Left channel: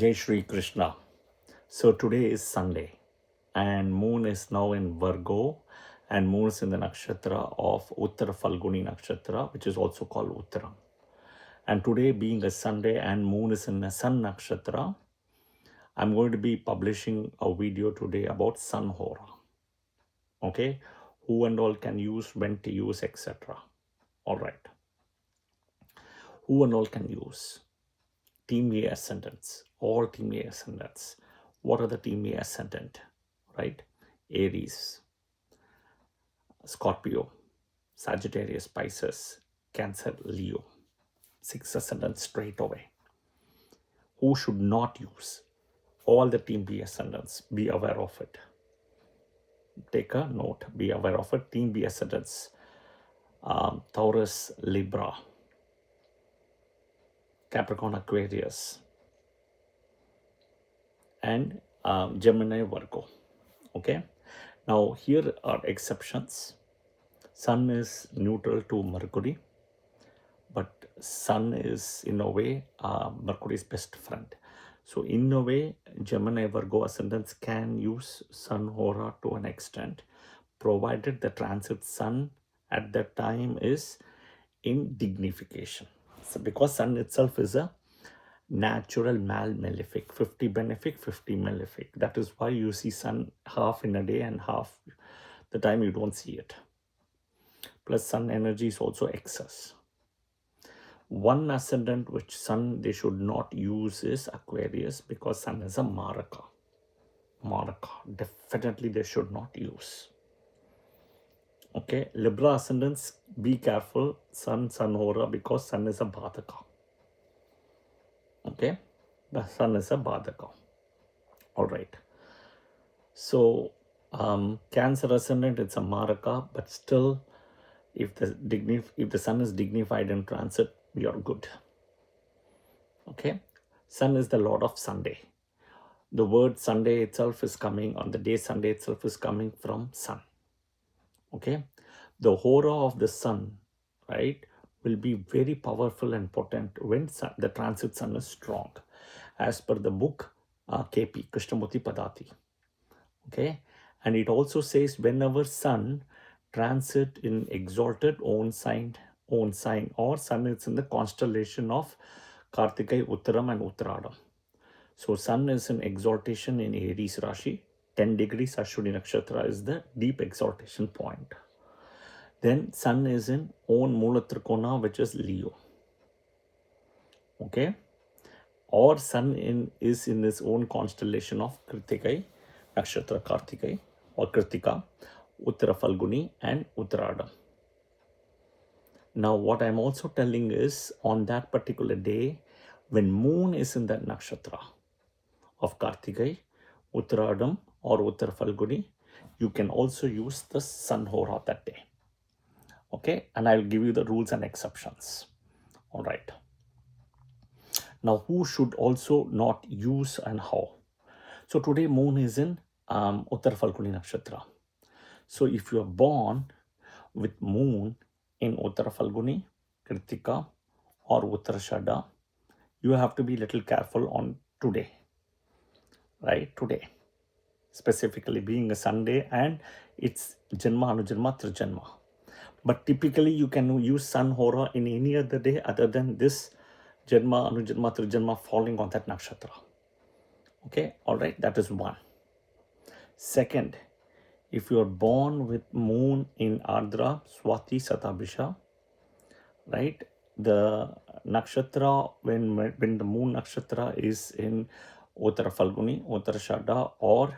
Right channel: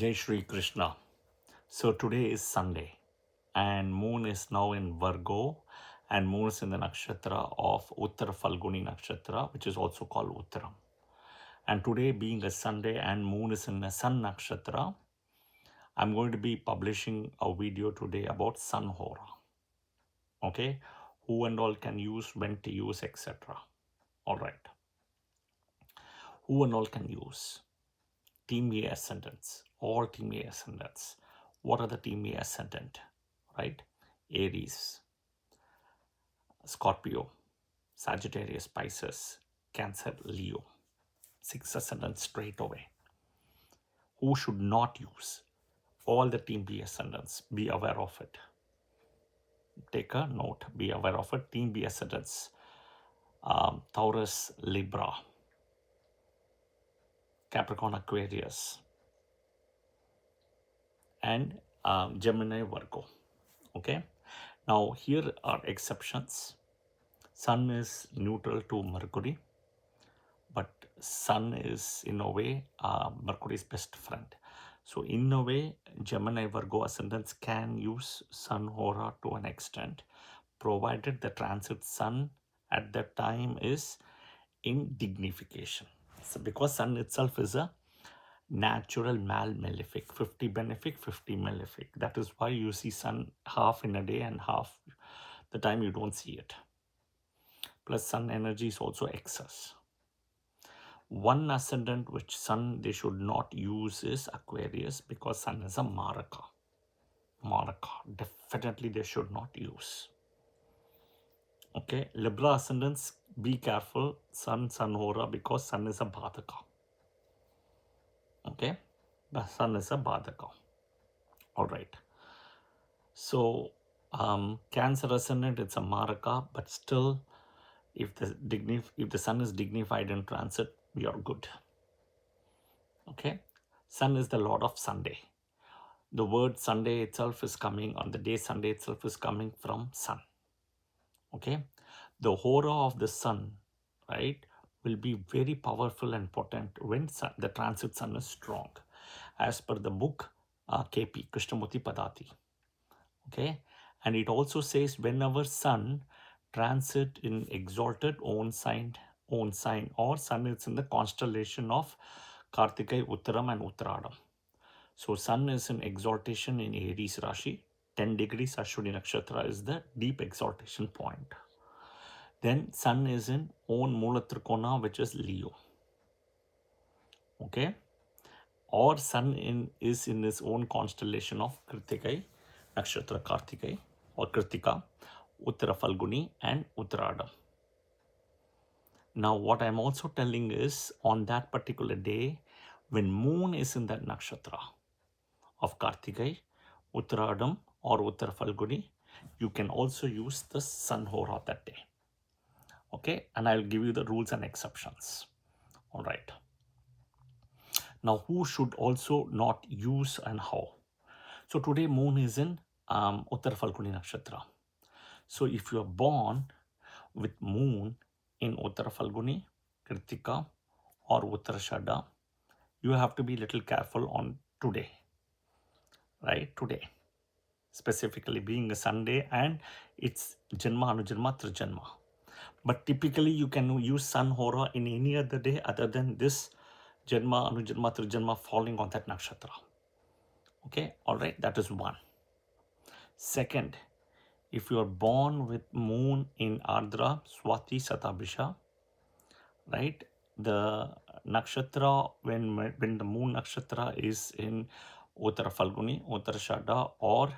Jai Shri Krishna. So today is Sunday and moon is now in Virgo and moon is in the nakshatra of Uttara Falguni nakshatra, which is also called Uttaram. And today being a Sunday and moon is in a Sun nakshatra, I'm going to be publishing a video today about Sun Hora. Okay, who and all can use, when to use, etc. All right, who and all can use? Team A ascendants, all Team A ascendants. What are the Team A ascendant? Right? Aries, Scorpio, Sagittarius, Pisces, Cancer, Leo. 6 ascendants straight away. Who should not use? All the Team B ascendants. Be aware of it. Take a note. Be aware of it. Team B ascendants. Taurus, Libra, Capricorn, Aquarius, and Gemini, Virgo. Okay. Now here are exceptions. Sun is neutral to Mercury, but Sun is in a way Mercury's best friend. So in a way, Gemini, Virgo ascendants can use Sun Hora to an extent, provided the transit Sun at that time is in dignification. So because Sun itself is a natural malefic, 50 benefic, 50 malefic. That is why you see Sun half in a day and half the time you don't see it. Plus Sun energy is also excess. One ascendant which Sun they should not use is Aquarius, because Sun is a Maraka. Definitely they should not use. Okay, Libra ascendants, be careful, Sun Hora, because Sun is a Badaka. Okay, the Sun is a Badaka. All right. So Cancer ascendant, it's a Maraka, but still, if the Sun is dignified in transit, we are good. Okay, Sun is the Lord of Sunday. The word Sunday itself is coming, on the day Sunday itself is coming from Sun. Okay, the Hora of the Sun, right, will be very powerful and potent when the transit Sun is strong, as per the book KP, Krishnamurti Padati. Okay, and it also says whenever Sun transit in exalted own sign, or Sun is in the constellation of Kartikai, Uttaram and Uttaradam. So Sun is in exaltation in Aries Rashi, 10 degrees Ashwini Nakshatra is the deep exaltation point. Then Sun is in own Mula Trikona, which is Leo. Okay, or Sun is in his own constellation of Kritikai Nakshatra, Kartikai or Kritika, Uttara Falguni and Uttaradam. Now what I'm also telling is, on that particular day, when moon is in that nakshatra of Kartikai, Uttaradam or Uttara Falguni, you can also use the Sun Hora that day. Okay, and I'll give you the rules and exceptions. All right. Now who should also not use and how? So today moon is in Uttara Falguni nakshatra. So if you are born with moon in Uttara Falguni, Kritika or Uttarashada, you have to be little careful on today, right? Today, specifically being a Sunday, and it's Janma, Anujanma, Trijanma. But typically you can use Sun Hora in any other day other than this Janma, Anujanma, Trijanma falling on that nakshatra. Okay, all right, that is one. Second, if you are born with moon in Ardra, Swati, Satabhisha, right, the nakshatra, when the moon nakshatra is in Uttara Falguni, Uttarashada or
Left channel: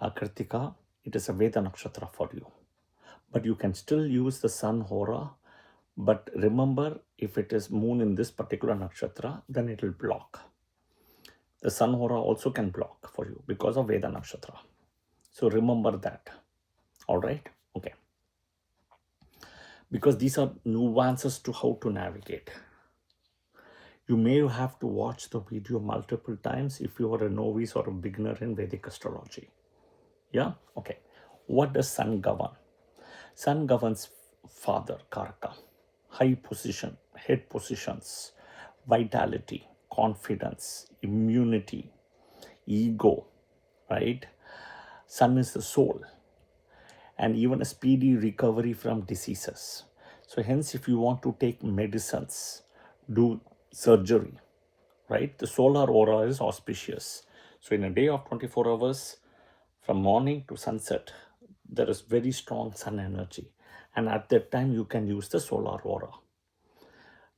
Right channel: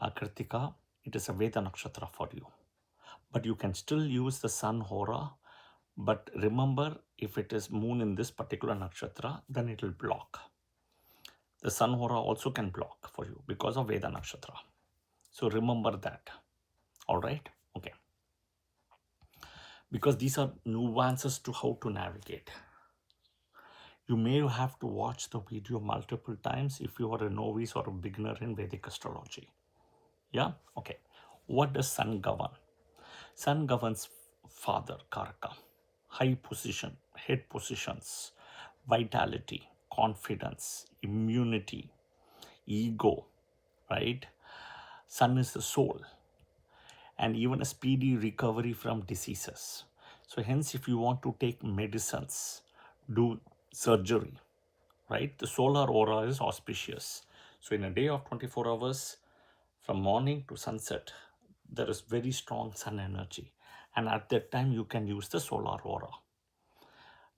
Kritika, it is a Veda nakshatra for you. But you can still use the Sun Hora. But remember, if it is moon in this particular nakshatra, then it will block. The Sun Hora also can block for you because of Veda nakshatra. So remember that. All right. Okay. Because these are nuances to how to navigate. You may have to watch the video multiple times if you are a novice or a beginner in Vedic astrology. Yeah. Okay. What does Sun govern? Sun governs father, Karaka, high position, head positions, vitality, confidence, immunity, ego, right? Sun is the soul, and even a speedy recovery from diseases. So hence, if you want to take medicines, do surgery, right? The solar aura is auspicious. So in a day of 24 hours, from morning to sunset, there is very strong sun energy. And at that time, you can use the solar aura.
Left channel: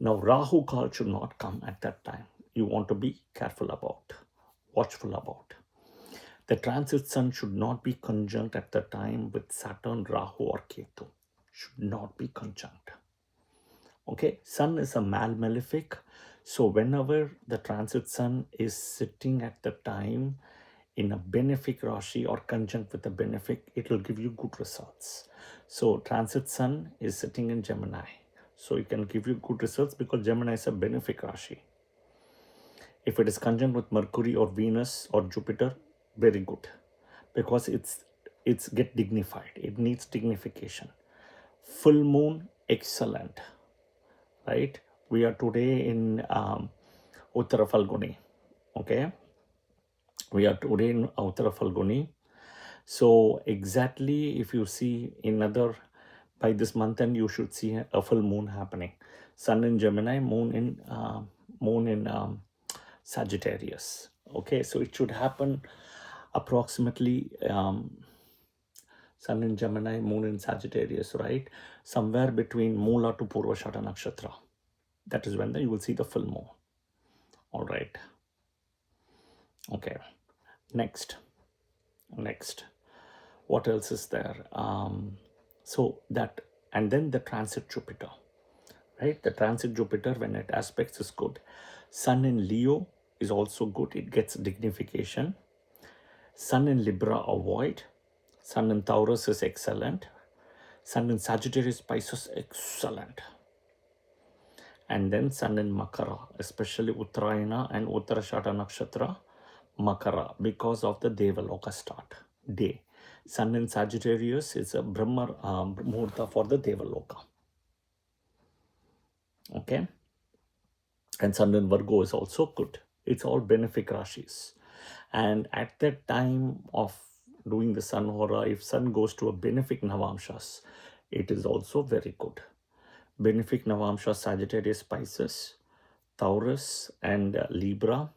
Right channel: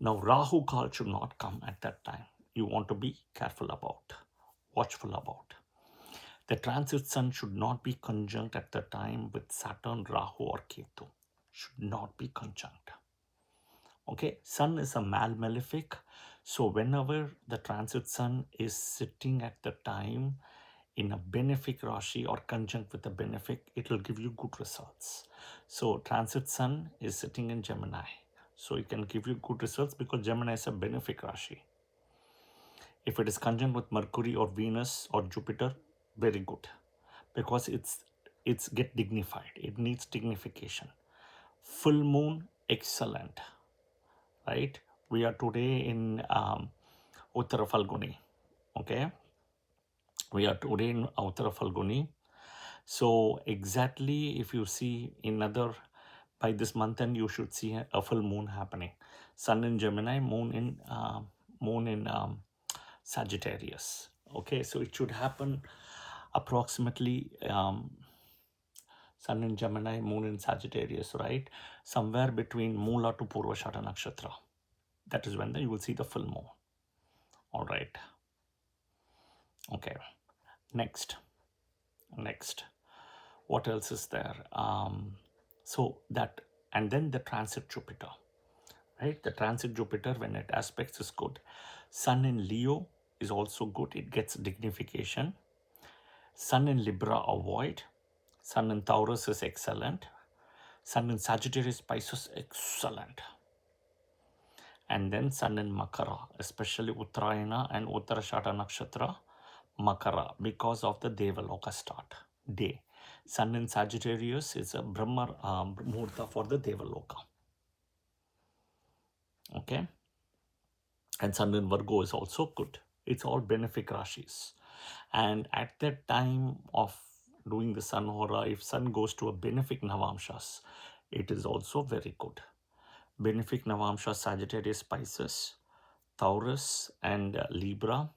Now, Rahu Kal should not come at that time. You want to be careful about, watchful about. The transit sun should not be conjunct at the time with Saturn, Rahu or Ketu. Should not be conjunct. Okay, sun is a malefic. So whenever the transit sun is sitting at the time in a benefic Rashi or conjunct with a benefic, it will give you good results. So transit sun is sitting in Gemini. So it can give you good results because Gemini is a benefic Rashi. If it is conjunct with Mercury or Venus or Jupiter, very good, because it's get dignified. It needs dignification. Full moon, excellent, right? We are today in Uttara Falguni. Okay, we are today in Uttara Falguni. So exactly, if you see by this month end, you should see a full moon happening. Sun in Gemini, moon in Sagittarius. Okay, so it should happen approximately Sun in Gemini, moon in Sagittarius, right? Somewhere between Mula to Purvashada Nakshatra. That is when you will see the full moon. All right. Okay. Next. What else is there? And then the transit Jupiter, right? The transit Jupiter, when it aspects, is good. Sun in Leo is also good. It gets dignification. Sun in Libra, avoid. Sun in Taurus is excellent. Sun in Sagittarius, Pisces, excellent. And then Sun in Makara, especially Uttarayana and Uttarashada Nakshatra, Makara, because of the Devaloka start day. Sun in Sagittarius is a Brahma Muhurta for the Devaloka. Okay. And Sun in Virgo is also good. It's all benefic Rashis. And at that time of doing the Sun Hora, if Sun goes to a benefic Navamshas, it is also very good. Benefic Navamshas, Sagittarius, Pisces, Taurus and Libra.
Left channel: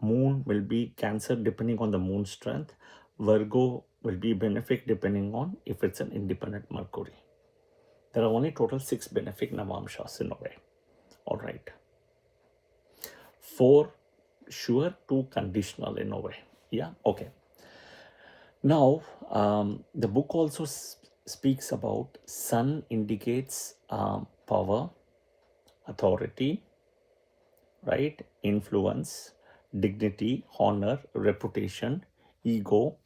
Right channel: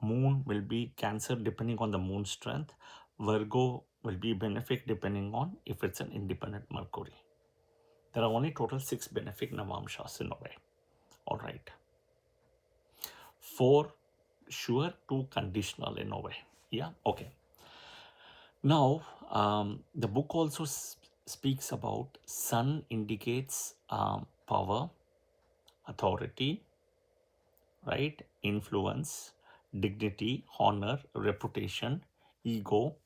Moon will be Cancer depending on the moon strength. Virgo will be benefic depending on if it's an independent Mercury. There are only total 6 benefic Navamshas in a way. All right. 4 sure, 2 conditional in a way. Yeah, okay. Now, the book also speaks about Sun indicates power, authority, right? Influence, dignity, honor, reputation, ego,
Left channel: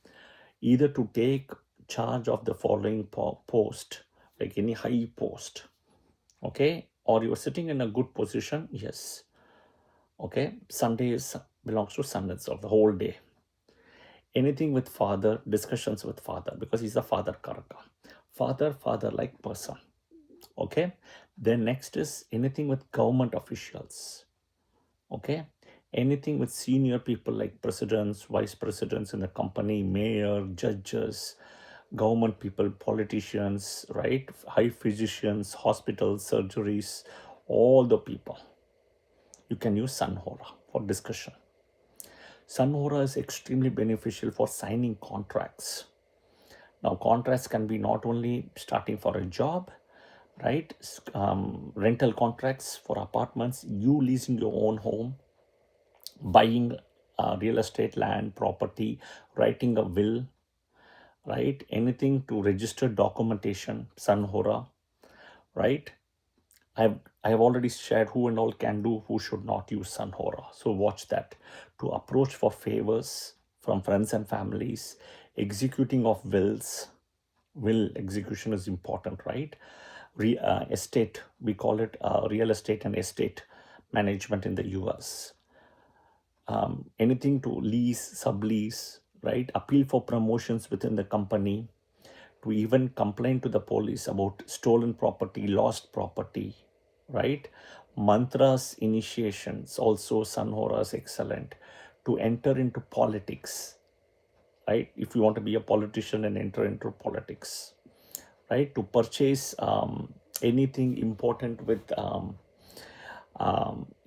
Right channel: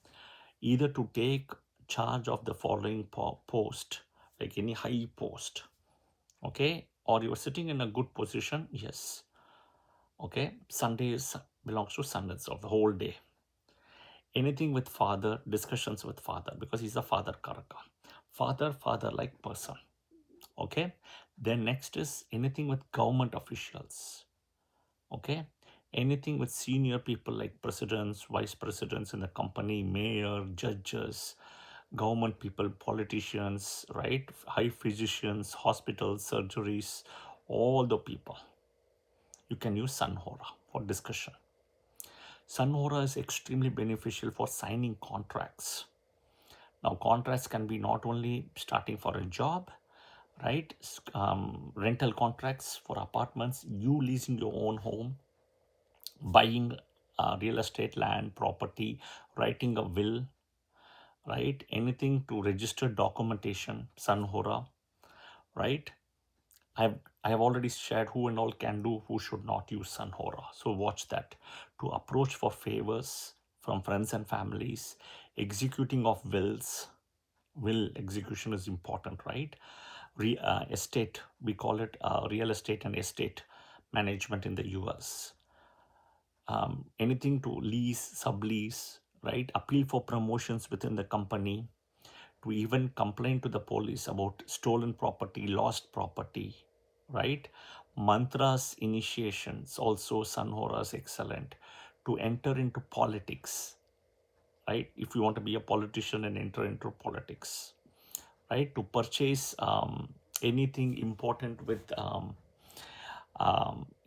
either to take charge of the following post, like any high post, okay? Or you're sitting in a good position, yes. Okay, Sunday belongs to Sun itself, the whole day. Anything with father, discussions with father, because he's a father karaka. Father-like person. Okay, then next is anything with government officials. Okay, anything with senior people like presidents, vice presidents in the company, mayor, judges, government people, politicians, right? High physicians, hospitals, surgeries, all the people. You can use Sun Hora for discussion. Sun Hora is extremely beneficial for signing contracts. Now, contracts can be not only starting for a job, right? Rental contracts for apartments, you leasing your own home, buying real estate, land, property, writing a will, right? Anything to register documentation, Sun Hora, right? I have already shared who and all can do, who should not use Sun Hora. So watch that. To approach for favors from friends and families, executing of wills. Will execution is important, right? Estate, we call it real estate and estate management in the US. Anything to lease, sublease, right? Appeal for promotions within the company, to even complain to the police about stolen property, lost property, right? Mantras, initiations, also Sun Hora is excellent. To enter into politics, right? If you want to be a politician and enter into politics, right? To purchase anything important with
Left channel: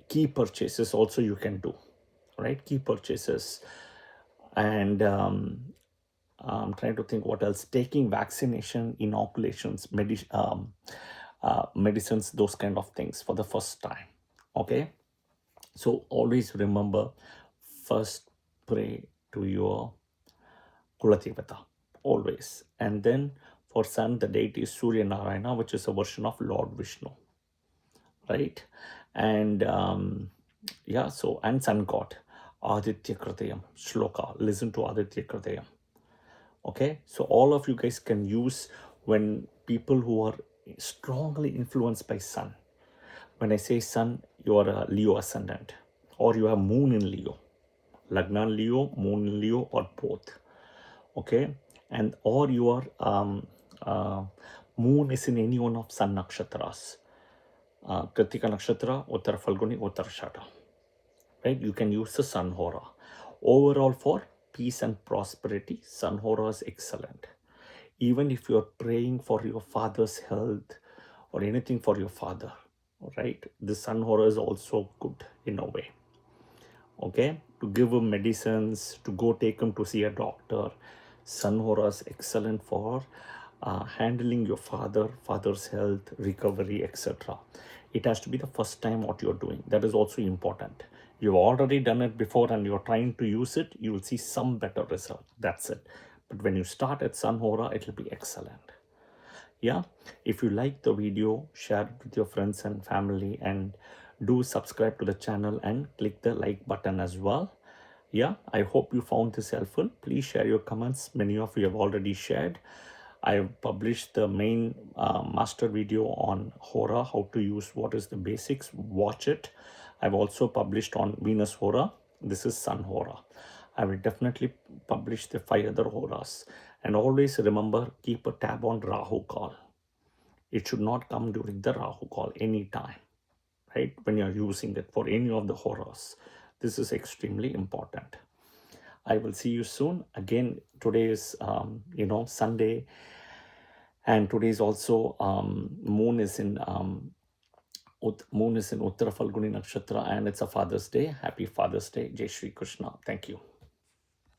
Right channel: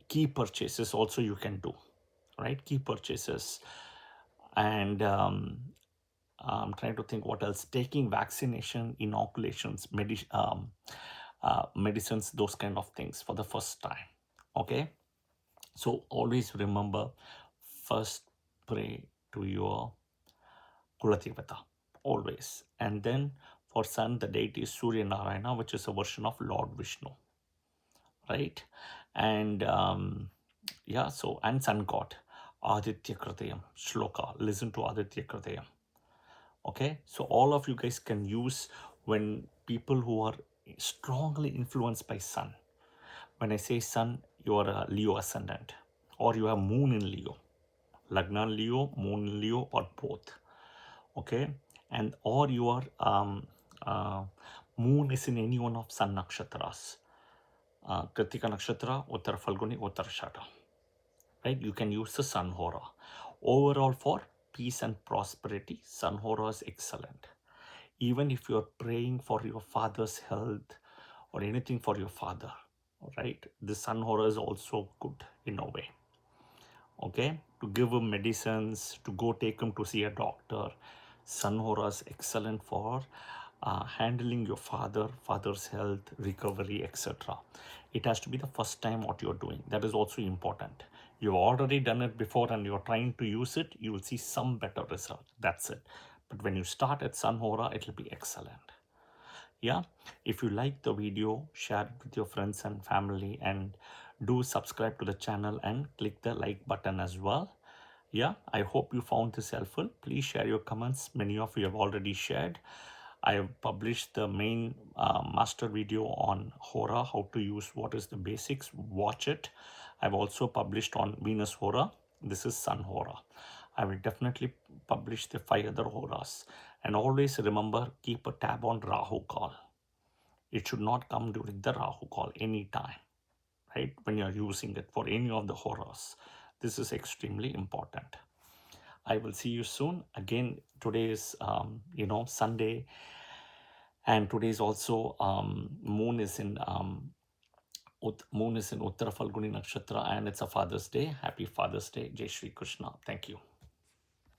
key purchases also you can do, right? Key purchases. And I'm trying to think what else. Taking vaccination, inoculations, medicines, those kind of things for the first time. Okay, so always remember, first pray to your Kuladevata, always. And then for sun, the deity is Surya Narayana, which is a version of Lord Vishnu, right? And yeah, so, and sun god, Aditya Kritayam, Shloka, listen to Aditya Kritayam. Okay, so all of you guys can use when people who are strongly influenced by sun. When I say sun, you are a Leo ascendant, or you have moon in Leo, Lagna in Leo, moon in Leo, or both. Okay, and or your moon is in any one of sun nakshatras, Kritika nakshatra, Uttara Falguni, Uttarashada, right? You can use the Sun Hora. Overall, for peace and prosperity, Sun Hora is excellent. Even if you're praying for your father's health or anything for your father, right? The Sun Hora is also good in a way. Okay, to give him medicines, to go take him to see a doctor. Sun Hora is excellent for handling your father's health, recovery, etc. It has to be the first time what you're doing. That is also important. You've already done it before and you're trying to use it, you will see some better result. That's it. But when you start at Sun Hora, it will be excellent. Yeah, if you like the video, share it with your friends and family, and do subscribe to the channel and click the like button as well. Yeah, I hope you found this helpful. Please share your comments. Many of you have already shared. I have published the main master video on Hora, how to use, what is the basics. Watch it. I've also published on Venus Hora. This is Sun Hora. I will definitely publish the 5 other Horas. And always remember, keep a tab on Rahu call. It should not come during the Rahu call anytime, right? When you're using it for any of the Horas. This is extremely important. I will see you soon. Again, today is, Sunday. And today is also, moon is in Uttara Falguni Nakshatra, and it's a Father's Day. Happy Father's Day. Jai Shri Krishna. Thank you.